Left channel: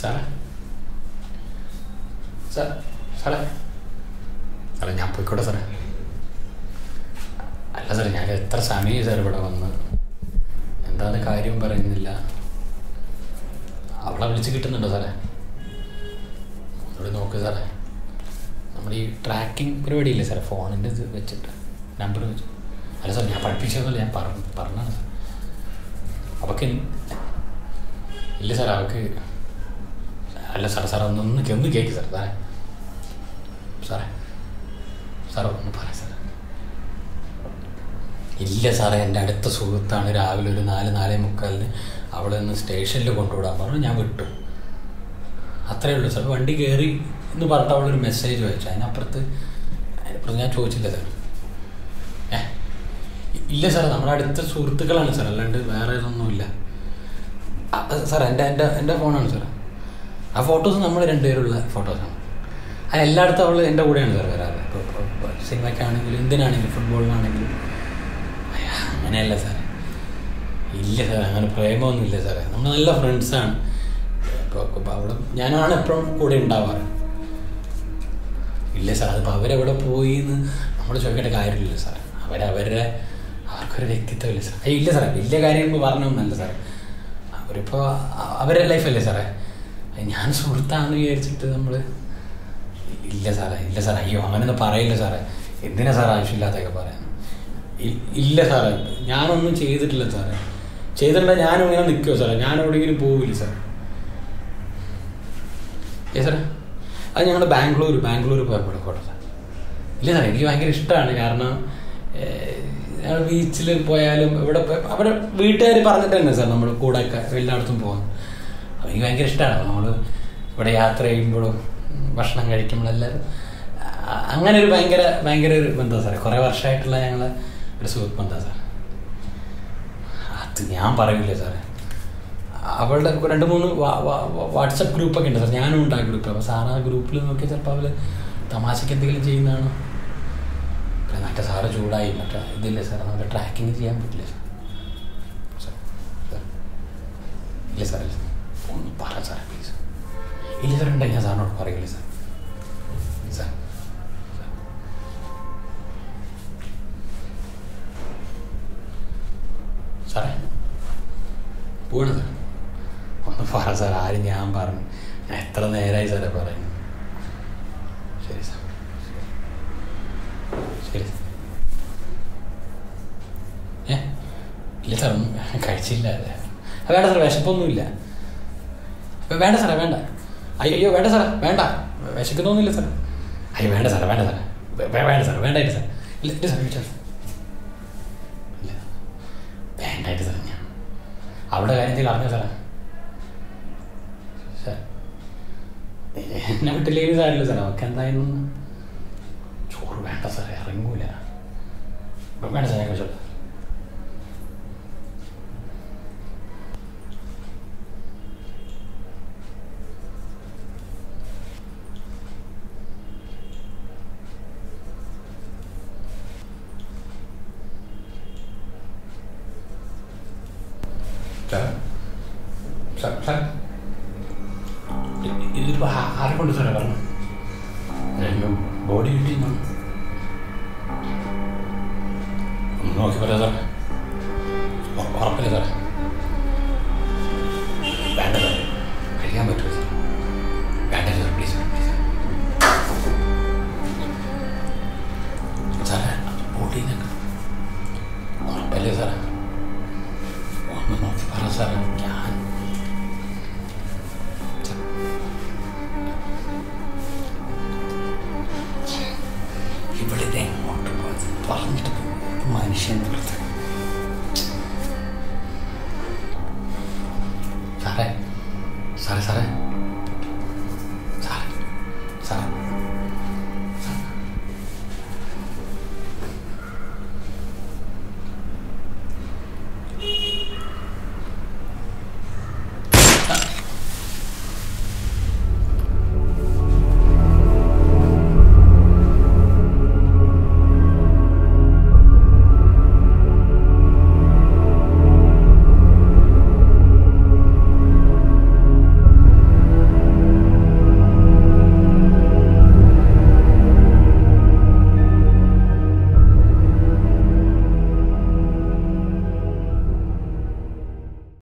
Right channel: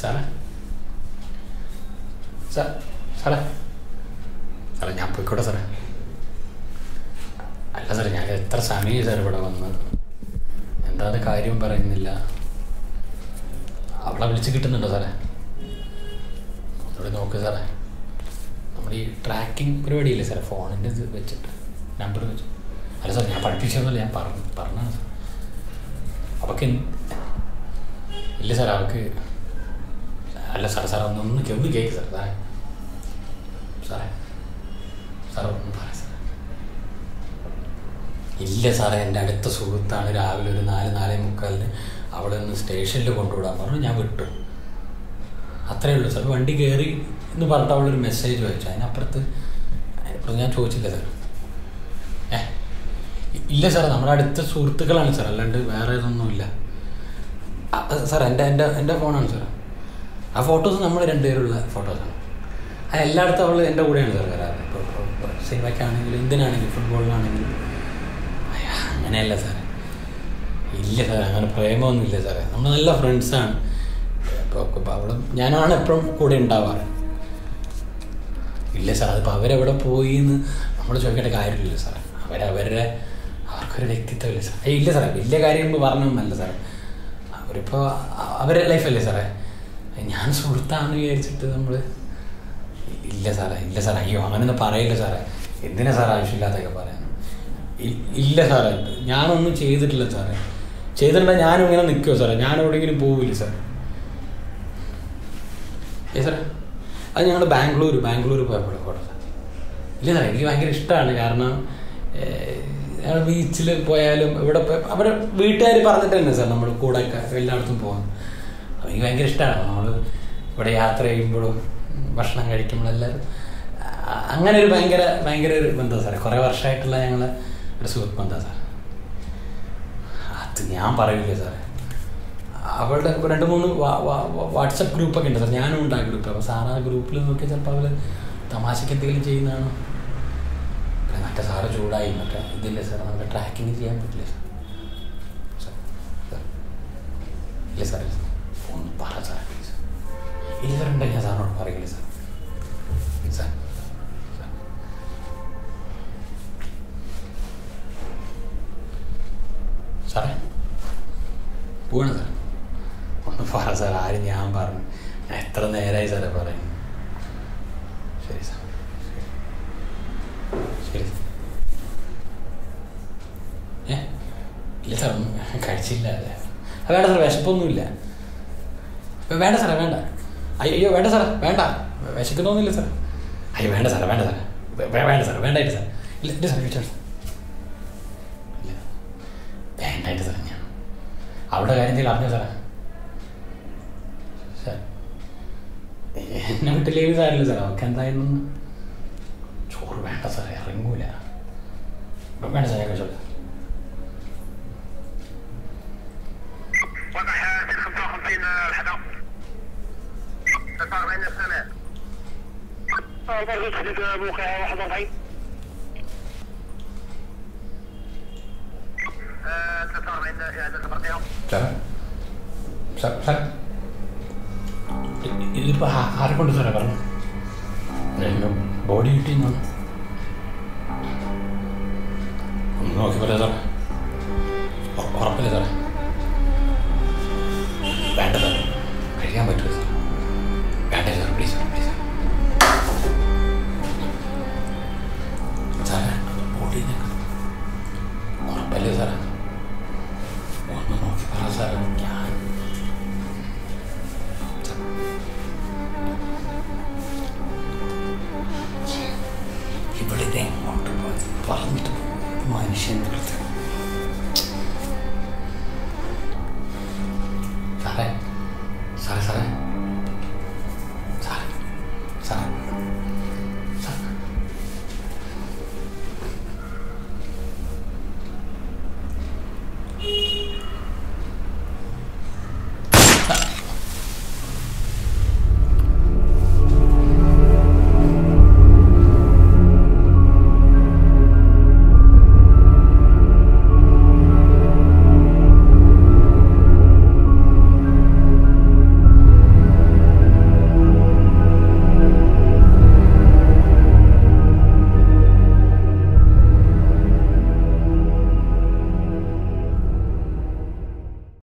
സാറേ? സാറേ? സാറേ ഞാൻ പോയിക്കോട്ടെ സാറേ. അല്ല സാറേ ഞാൻ എത്ര സമയം സാർ ഇവിടെ വന്ന്? എന്താണ് കാര്യം പറയുന്നില്ല? അവളെ വിളിച്ച് കിട്ടുന്നുണ്ടോ സാറേ? ഒന്നുകൂടി നോക്ക് സാറേ. നമ്മൾ ഈ ട്രാക്കിംഗ് പരിപാടിയില്ലേ സാറേ? ഫോണിന്റെ ഇത് വെച്ചിട്ട് നമ്പർ വെച്ച്. അല്ല സാർ ഞാൻ പഠിപ്പിച്ചതൊന്നുമില്ല ഞാൻ പറഞ്ഞു പറഞ്ഞാണ് സാർ അവൾക്ക് ഇല്ല സാർ അവൾക്ക് അല്ല സാർ സാർ ഒന്ന് ഒന്ന് കേൾക്ക് സാർ സാറേ സാറേ. സാർ ഒന്ന് പറയാം സാർ ഇല്ല സാറേ എന്റെ അടുത്ത സുഹൃത്താണ് രാവിലെ ഒരു നാല് നാലേ മുക്കാലിന് അവിടെ നിന്ന് സ്റ്റേഷനിൽ കൊണ്ടുവിടാൻ പറഞ്ഞു. ഞാൻ വിട്ടു. അത്രയേ ഉള്ളൂ സാർ വണ്ടി കയറി എന്ന് പറഞ്ഞിട്ട് അവളൊരു മെസ്സേജ് വായിച്ചു അതിനപ്പുറത്ത് അതിനപ്പുറത്ത് ഞാൻ ചോദിച്ചില്ല സാർ ഏ ഇല്ല സാർ നമ്മുടെ അടുത്ത സുഹൃത്തുക്കളാണ് സാർ അല്ലാണ്ട് വേറെ ഇതൊന്നുമില്ല. സാർ എന്റെ എന്റെ എന്റെ ഫോണാണ് സാർ ആ ഫോട്ടോസ് നമ്മൾ രണ്ടുപേരുള്ള ഫോട്ടോസാണ് അത് എല്ലായിടത്തും അവൾ എന്റെ കൂടെയാണ് സാർ വരാറ്. ഇപ്പോൾ സിനിമയ്ക്കാണെങ്കിലും എന്തിനാണെങ്കിലും ഫുട്ബോളിനാണെങ്കിലും അങ്ങനെയല്ല സാറേ ഇല്ല സാർ അങ്ങനെ പ്രേമമൊന്നും ഇല്ല സാറേ നമ്മൾ നല്ല ഫ്രണ്ട്സാണ് ഇപ്പോൾ അവിടെ ഞാനാണ് എപ്പോഴും കൂടെ ഉണ്ടാവാറ്. ഇല്ല സാർ അതിപ്പോൾ അവരെവിടെ പോയി എന്ന് നമ്മൾ ചോദിക്കേണ്ട കാര്യമില്ല സാർ അവരവരുടെ അവർക്കൊരു വ്യക്തിത്വമില്ല സാർ ഇല്ല സാറേ വലിയ കാര്യം പറഞ്ഞൊന്നല്ല സാറേ അവരിപ്പോൾ അവരുടെ ലൈഫല്ലേ സാറേ ഞാൻ സുഹൃത്താണെന്ന് വിചാരിച്ചിട്ട് നമ്മൾ ഇല്ല സാറേ ഇല്ല സാറേ. അയ്യോ അങ്ങനെയൊന്നും പറയില്ല സാറേ. എന്തിനാ സാർ ആവശ്യമില്ലാത്തൊക്കെ പറയാൻ? ഇല്ല സാറേ. ഞാനൊന്നും ചെയ്തിട്ടില്ല സാറേ. ചെയ്തിട്ടുണ്ടെങ്കിൽ ഞാനും ഇങ്ങനെ നിൽക്കുമോ സാറേ? ഞാൻ എവിടെയെങ്കിലും പോവില്ല സാർ ഏ സാറേ? അത് ഞങ്ങൾ ബാംഗ്ലൂർ ബാംഗ്ലൂർ പോയപ്പോൾ കോട്ടെ സാർ ഇല്ല സാറേ എനിക്ക് ഭയങ്കര ഇഷ്ടമാണ്. കാരണം ഞങ്ങൾ ബീച്ചിൽ പോയാലും ഇവിടെ അവിടെ വീട്ടുകാർ പറഞ്ഞിട്ട് തന്നെ സാർ നമ്മൾ കൂടെയൊക്കെ എല്ലായിടത്തും പോകാൻ എനിക്ക് ഭയങ്കര ഇഷ്ടമാണ് നമ്മൾ ഇവിടെ യാത്ര ചെയ്യുമ്പോഴും ഭക്ഷണം കഴിക്കുമ്പോഴും എല്ലാവരും അങ്ങനെ ഒരു ഭയങ്കര ഭയങ്കര ഒരു ബന്ധമാണ് സാറേ. കുറേ വർഷമായിട്ടുള്ള ഞങ്ങൾ ഒരു സുഹൃത്ത് ബന്ധമാണ് സാർ അത് ഞാൻ പറയില്ല സാറേ. അവളുടെ രണ്ട് മൂന്ന് വാട്സപ്പ് ഗ്രൂപ്പൊക്കെ ഉണ്ട് സാർ ഞാനും ഉണ്ട് ആ ഗ്രൂപ്പിൽ അപ്പോൾ സാർ ആ ഗ്രൂപ്പിൽ നോക്കിയാൽ ചിലപ്പോൾ അവൾ തമാശയ്ക്ക് എന്തെങ്കിലും ചെയ്യുന്നതാണോ? പിന്നെ മറ്റേ സാറ് ചൂടായി. മറ്റേ ഇതില്ലേ സാർ നമുക്ക് ട്രാക്കിങ് ചെയ്യാൻ പറ്റില്ല സാർ സാർ ഇല്ല പറ സാർ പ്ലീസ് ഇല്ല സാർ ഞാൻ സാറിനോട് പറയില്ല സാർ? Sir sir. സാറേ പോവാണ് സാർ ഒന്ന് പറ സാർ ആരും ഞാൻ പറഞ്ഞു. ഞാൻ എത്ര നേരമായി സാറേ പറയുന്നു. ശരി സാർ. ശരി സാർ. ഏ? ഇല്ല സാർ കഴിച്ചില്ല. അതെ. അതാണ് സാർ വിശപ്പൊന്നുമില്ല. വേണ്ട സാറേ വേണ്ട. അയ്യോ വേണ്ട സാറേ വേണ്ട. വിശക്കുന്നൊന്നുമില്ല സാറേ. അയ്യോ വേണ്ട സാറേ വേണ്ട സാറേ. വേണ്ട സാറേ വേണ്ടായിട്ട് സാർ ഇല്ല എന്റെ സാറേ ചോദിച്ചാൽ ഇല്ല. വേണ്ടായിട്ട് സാറേ ഞാൻ. അവിടെ കാര്യം എന്തെങ്കിലും അറിഞ്ഞോ സാറേ? സാർ എന്നെ വിട്ടില്ലെങ്കിൽ സാറില്ല സാറേ അവർക്ക് എന്തായിരുന്നു ചോറ് വേണ്ട സാറേ ഇറങ്ങൂല. വേണ്ട സാറേ ഞാൻ കഴിച്ചോളാം. What the hell? Is the problem in uh, 49 سنة مركز تحديد موقع 41 ഇതിപ്പോ ആരെ കൊണ്ട് സാറേ പറഞ്ഞു? ബോഡി കിട്ടി ഒന്ന് നോക്കി പറയാ സാറേ. ഉറപ്പില്ല സാറേ? വേണ്ട സാറേ. കഴിയാൻ പറ്റുമോ സാറേ? വേണ്ട സാർ പ്ലീസ് പ്ലീസ് സാറേ ബോഡി ഉറപ്പല്ലേ സാറേ ഒന്ന് നോക്കി പറ സാറേ ഞാൻ ഇവിടെ എങ്ങോട്ട് പറഞ്ഞിട്ട് മനുഷ്യൻ സാറേ